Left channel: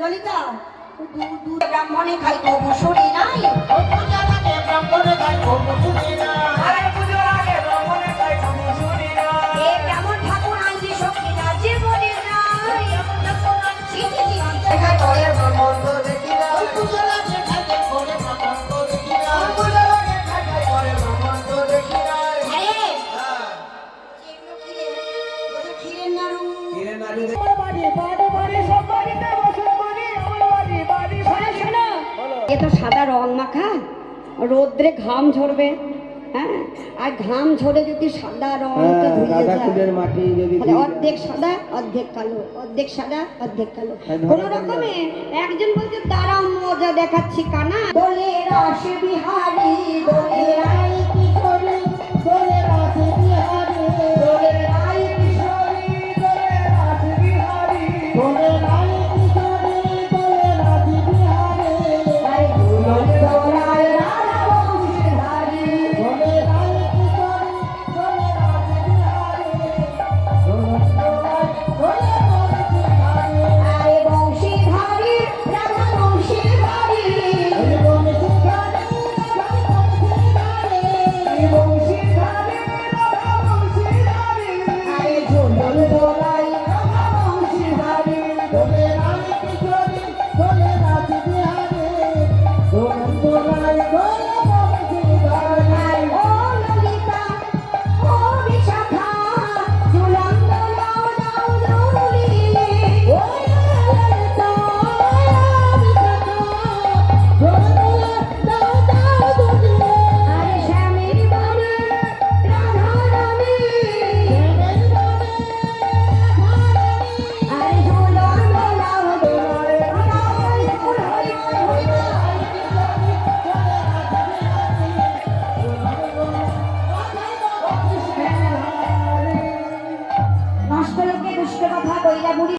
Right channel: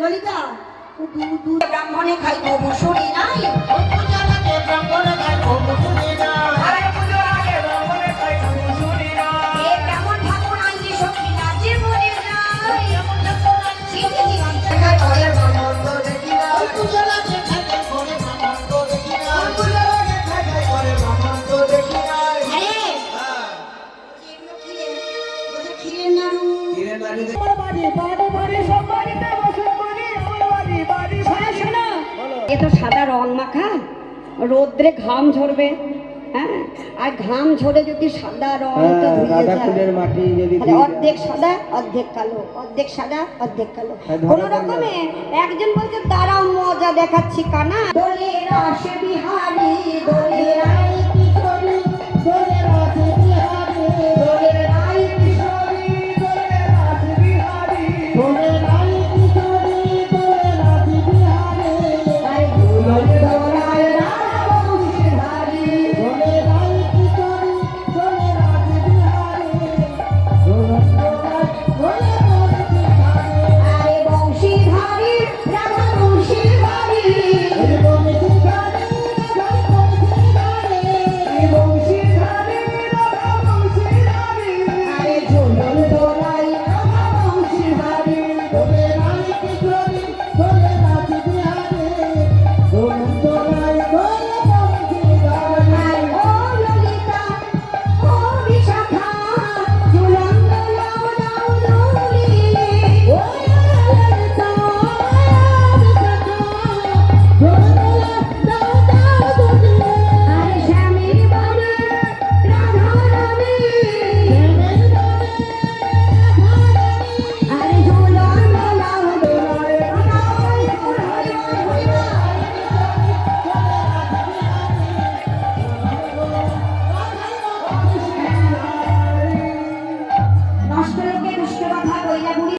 ললিতা ও দু দু ব্রাহ্মণে খাইব বসুরি নাই। এ ব্রাহ্মণ ঠাকুর রোদ্রে ঘাম ঝরবে হ্যাঁ? আর ঘাম ঝরে যদি সাদা রংটা হ্যাঁ, ফুলের মাটি যদি অর্ধেক সাদা অর্ধেক কালো অর্ধেক সাদা অর্ধেক কালো। কোন কোনো রকমে একজন বলছে তারা মজা দেখাচ্ছি কানা। বলে রাস বিহারি রাই